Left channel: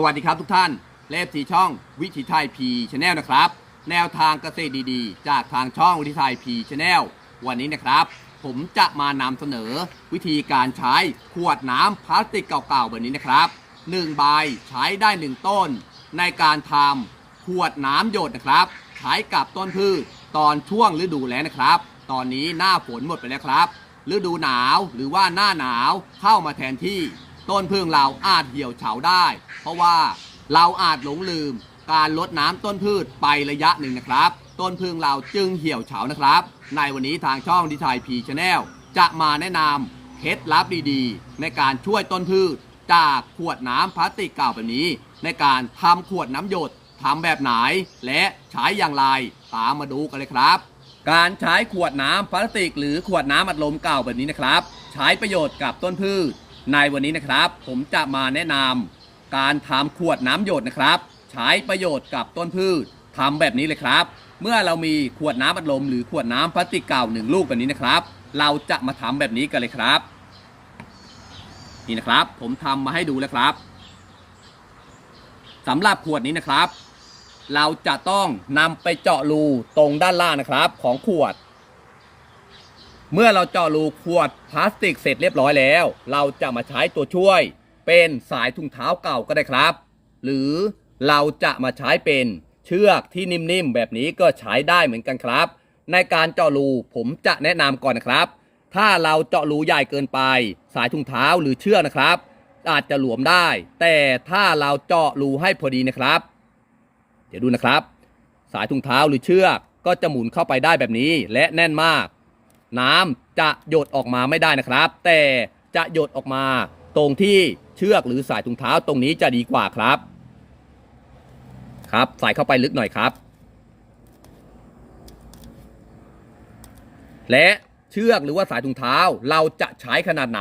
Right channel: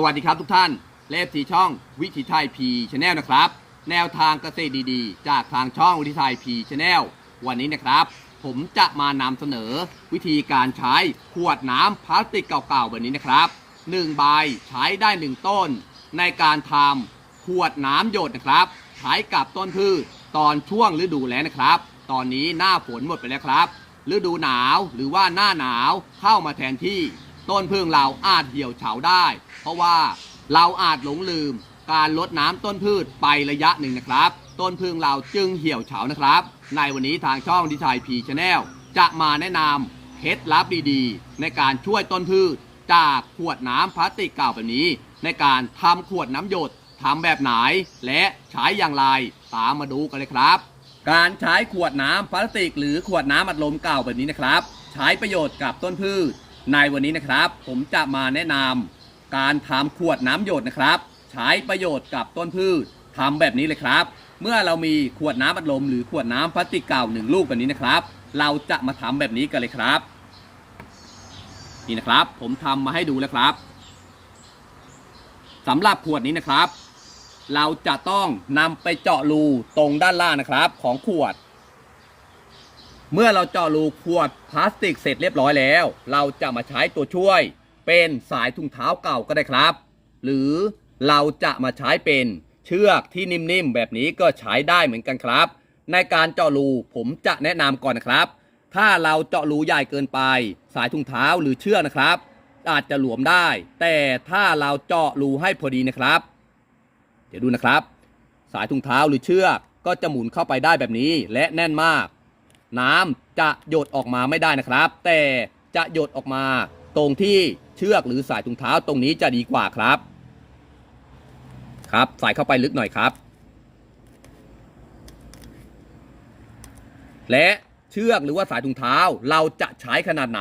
สวัสดีครับทุกท่านเลฟสีช่องวิถีไทยพีชแนลนะครับ แนวทางเกษตรดีๆ จากทางช่องวิถีไทยพีชแนลวันนี้นะครับ ผมจะมานำเสนอวิธีการใช้ขวดน้ำพลาสติกเก่าๆแบบนี้นะครับ1ใบใช้ได้ 1 ต้น ในการทำขวดน้ำหยดนะครับใช้กับต้นพืชตอนช่วงฤดูแล้งนะครับ ตอนนี้หน้าฝนหมดไปแล้วครับฤดูหนาวหรือว่าหน้าหนาวเข้ามาแทนที่ ต้นพึ่งเราอาจเหี่ยวเฉาได้ เพราะว่าเราอาจหลงลืมการลดน้ำต้นพืชไประยะหนึ่งนะครับ ต้นพึ่งเราจึงเหี่ยวเฉานะครับ ในวันนี้ทางช่องดีไซน์พีชแนลจะมาแนะนำเคล็ดลับดีๆ ในการช่วยต้นพืช จากขวดน้ำพลาสติกเก่าแบบนี้ ในการทำขวดน้ำหยดทำแบบไหน และใช้อย่างไรตามมาดูกันเลยครับ การใช้ขวดน้ำพลาสติก หรือขวดน้ำอัดลมเก่าแบบนี้นะครับ ใช้ประโยชน์กับต้นพืช ในวันนี้นะครับ ผมจะมาแนะนำการทำขวดน้ำหยดนะครับ ใช้ประโยชน์กับต้นพืชทำแบบนี้เลยครับ เมื่อเรามีขวดน้ำอัดลมหรือขวดน้ำพลาสติกเก่าหนึ่งลูกแบบนี้นะครับ เราจะมาทำแบบนี้กันเลยครับ นี่นะครับ ผมทำมาให้ดูแล้วครับสำหรับขวดนี้นะครับ เราจะต้องนำไปเจาะรูตรงด้านล่างนะครับ ของขวด เมื่อเราเจาะรูขวดพลาสติกเสร็จเรียบร้อยแล้ว เราจะมาใช้ตัวช่วย เป็นสายถุงเท้าเก่าก็ได้ครับ หรือเราจะมาใช้เป็นเชือกที่นิ่มๆ แบบนี้ก็ใช้ได้เหมือนกันครับ ในการเจาะรูผมจะแนะนำก่อนนะครับ ถ้าเราเจาะรูใหญ่เกินไป สายถุงเท้าหรือเชือกนะครับ อาจจะหลวมได้ แต่ถ้าเราเจาะรูให้พอดีนะครับ เดี๋ยวดูนะครับ สายถุงเท้าหรือเชือกก็จะหมุนเข้าไปได้แบบนี้และแน่นมาก น้ำจะหยดออกมาไม่ได้นะครับ แต่จะหยดออกมาตรงที่เชือกหรือสายถุงเท้าตรงนี้จะดีกว่าครับ ครับใส่เข้าไปลึกหน่อยครับ และเชือกหรือว่าสายถุงเท้าเราจะใช้ขนาดไหน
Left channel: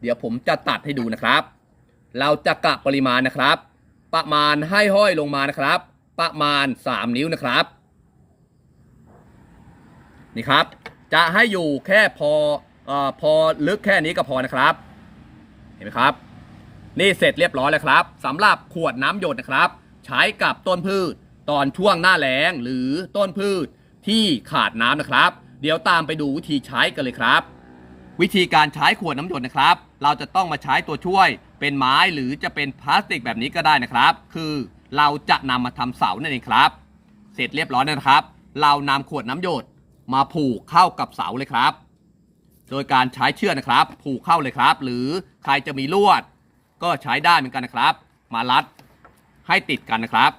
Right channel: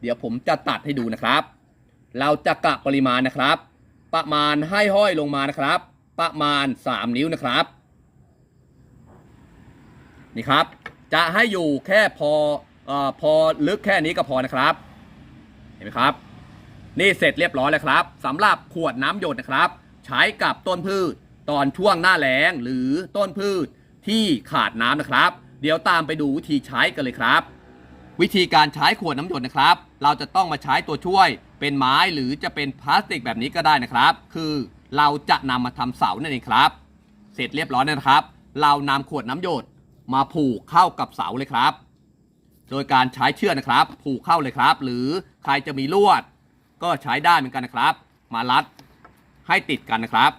เดี๋ยวผมจะตัดให้ดูนะครับ เราจะกะปริมาณนะครับ ประมาณให้ห้อยลงมานะครับ ประมาณ 3 นิ้วนะครับ นี่ครับ จะให้อยู่แค่พอออพอลึกแค่นี้ก็พอนะครับ เห็นไหมครับ นี่เสร็จเรียบร้อยแล้วครับสำหรับขวดน้ำหยดนะครับ ใช้กับต้นพืชตอนช่วงหน้าแล้งหรือต้นพืชที่ขาดน้ำนะครับ เดี๋ยวตามไปดูวิธีใช้กันเลยครับ วิธีการใช้ขวดน้ำหยดนะครับ เราจะต้องมาใช้ตัวช่วยเป็นไม้หรือจะเป็นพลาสติกแบบนี้ก็ได้นะครับ คือเราจะนำมาทำเสานั่นเองครับ เสร็จเรียบร้อยนะครับ เรานำขวดน้ำหยด มาผูกเข้ากับเสาเลยครับ โดยการใช้เชือกนะครับ ผูกเข้าเลยครับ หรือใครจะมีลวด ก็ใช้ได้เหมือนกันนะครับ มารัดให้ติดกันนะครับ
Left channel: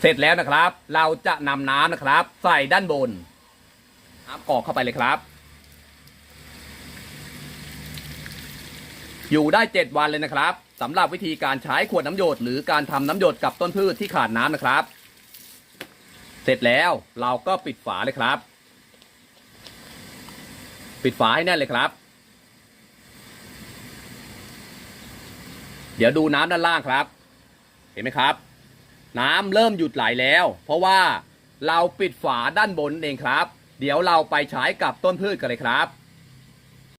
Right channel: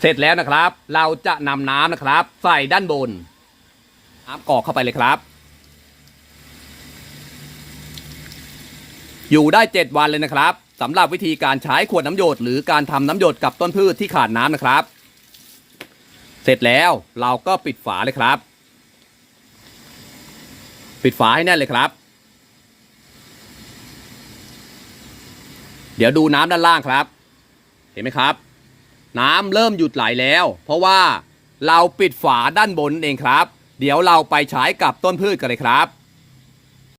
เสร็จแล้วนะครับ เราจะนำน้ำนะครับ ใส่ด้านบนน้ำกอกเข้าไปเลยครับ อยู่ได้7วันเลยนะครับ สำหรับวิธีการใช้ขวดน้ำหยดหรือการทำน้ำหยดกับต้นพืชที่ขาดน้ำนะครับ เสร็จแล้วเราก็ปิดฝาเลยครับ ปิดฝาให้แน่นเลยครับ เดี๋ยวดูน้ำด้านล่างครับ เห็นไหมครับ น้ำเริ่มหยุดไหลแล้ว เพราะว่าเราปิดฝาด้านบนเองครับ เดี๋ยวเราไปใช้กับต้นพืชกันเลยครับ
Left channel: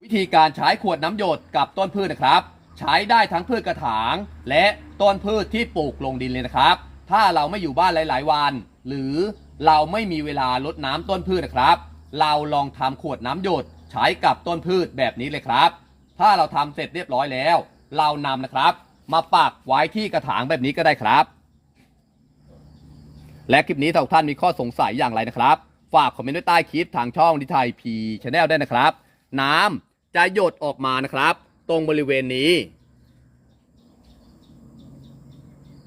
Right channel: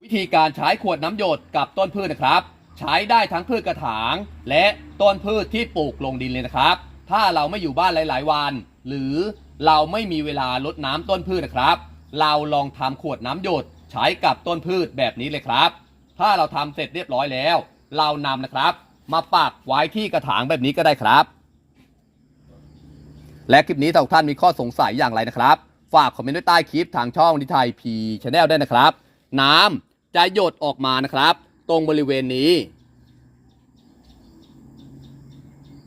วิธีการใช้ขวดน้ำหยดกับต้นพืชนะครับ ใช้ได้ทั้งพืชกระถาง และต้นพืชที่ปลูกลงดินเลยนะครับ ถ้าเราไม่อยู่บ้านหลาย ๆ วัน หรือเราไม่มีเวลารดน้ำต้นพืชนะครับ เราลองทำขวดน้ำหยดใช้กับต้นพืชแบบนี้เลยครับ ถ้าเราทำเสร็จเรียบร้อยแล้ว เรานำนะครับ มาปักไว้ที่กระถางแบบนี้ก็ได้ครับ และคลิปนี้ถ้าทุกท่านมีข้อสงสัยอย่างไรนะครับ ฝากคอมเมนต์ไว้ใต้คลิปทางช่องดิไทยพีชาแนลได้นะครับ น้ำจะหยดออกมานะครับ ตรงบริเวณนี้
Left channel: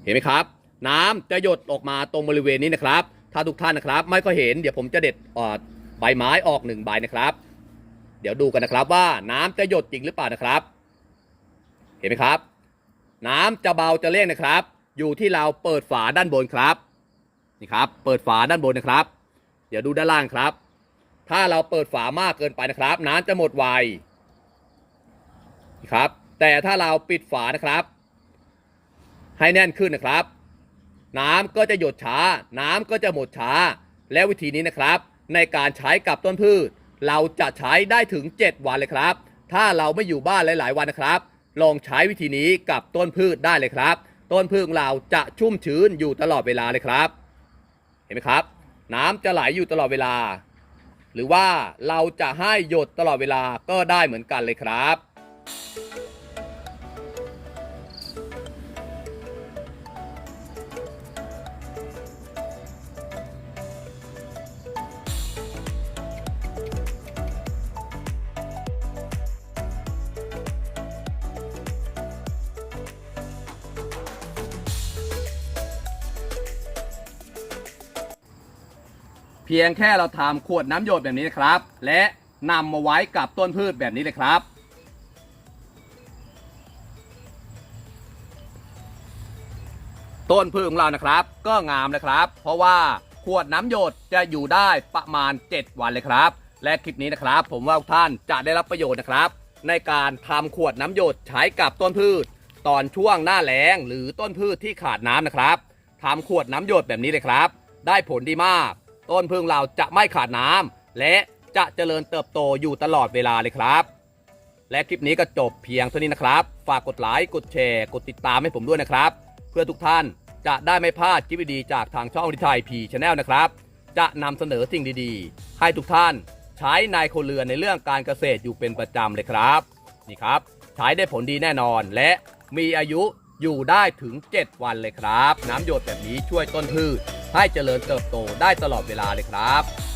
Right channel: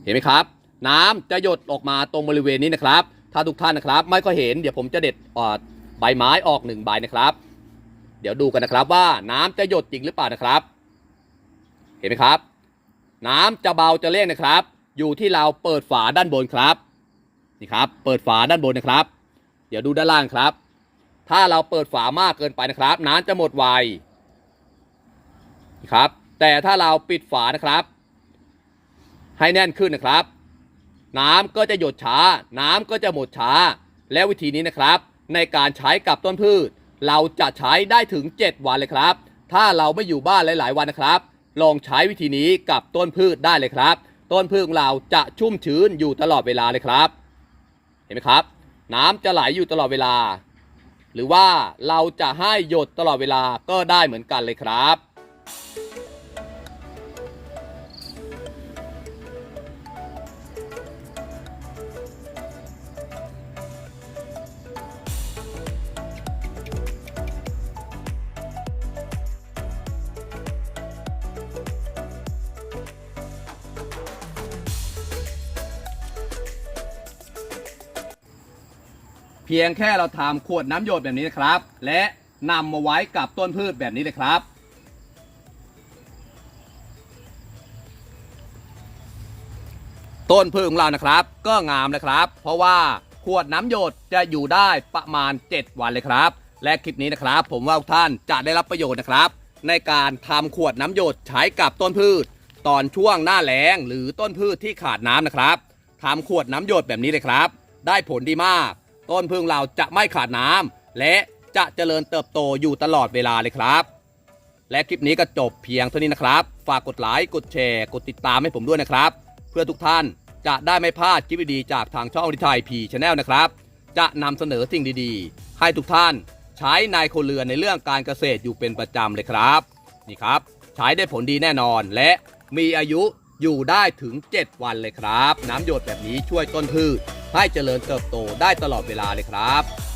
เห็นไหมครับ น้ำจะหยดออกมาตรงบริเวณนี้นะครับ ถ้าทุกท่านนะครับ ไม่ก็เห็นเดี๋ยวผมจะเด็ดออดใบไม้ออกหนึ่งใบนะครับ เดี๋ยวดูกันนะครับว่าน้ำจะหยดจริงหรือเปล่านะครับ เห็นไหมครับ น้ำจะเบาจะเร่งนะครับ อยู่ที่เราเปิดฝาด้านบนครับนี่ครับ เปิดฝาด้านบนนะครับ เดี๋ยวดูด้านล่างครับ ถ้าเราเปิดฝามากเกินไปนะครับ น้ำจะหมดไว ครับ แต่ถ้าเราปิดฝานะครับ ให้แน่นขึ้นนะครับ น้ำก็จะหยดช้า น้ำก็จะหมดช้า และวิธีนี้นะครับ ในการใช้กับต้นพืช เราจะใช้ได้ถึง 7 วันเลยครับ ถ้าเราไม่อยู่บ้านหลาย ๆ วันนะครับ ลองใช้วิธีนี้กับต้นพืชได้เลยครับ ต้นพืชของเราจะชุ่มชื้นอยู่ตลอดเวลาเลยครับ เห็นไหมครับ น้ำจะไหลอยู่ตลอดเวลา หรือว่าเราจะให้หยดตลอดเวลาก็ได้เหมือนกันเลยครับ เพียงแค่เราทำขวดน้ำหยดแบบนี้นะครับ และนำมาไว้กับต้นพืชแบบนี้เลยครับ ต้นพืชของเรานะครับ ก็งามนะครับ เพราะว่าขวดน้ำหยดจะอยู่ได้ประมาณ 7 วันเลยครับ และคลิปนี้นะครับ ผมว่าท่านจะได้รับประโยชน์นะครับ ในการทำขวดน้ำหยดใช้กับต้นพืช ตอนช่วงหน้าแล้งหรือต้นพืชที่ขาดน้ำนะครับทำขวดน้ำหยดแบบนี้เลยครับ ได้ผลดีมาก ต้นพึ่งเราจะไม่ขาดน้ำและจะเจริญเติบโตอยู่ตลอดเวลาเลยครับ และคลิปนี้ก็จบเพียงเท่านี้นะครับ ฝากกดไลค์กดแชร์ กดติดตามให้ผมด้วยนะครับ เพื่อทุกท่านจะได้ไม่พลาดคลิปดีๆจากทางช่องอริทายพีชแนลนะครับ จะนำเสนอสิ่งดีๆ ให้ทุกท่านใช้ในคนเรือนในเรื่องการเกษตรอยู่เป็นประจำเลยครับนี่ครับใช้ได้ผลดีแน่นอนและมีอายุอยู่ได้ถึง 7 วันเลยครับ น้ำหยดแบบนี้ช่วยต้นพืชให้เจริญเติบโตได้ตลอดเวลาเลยครับ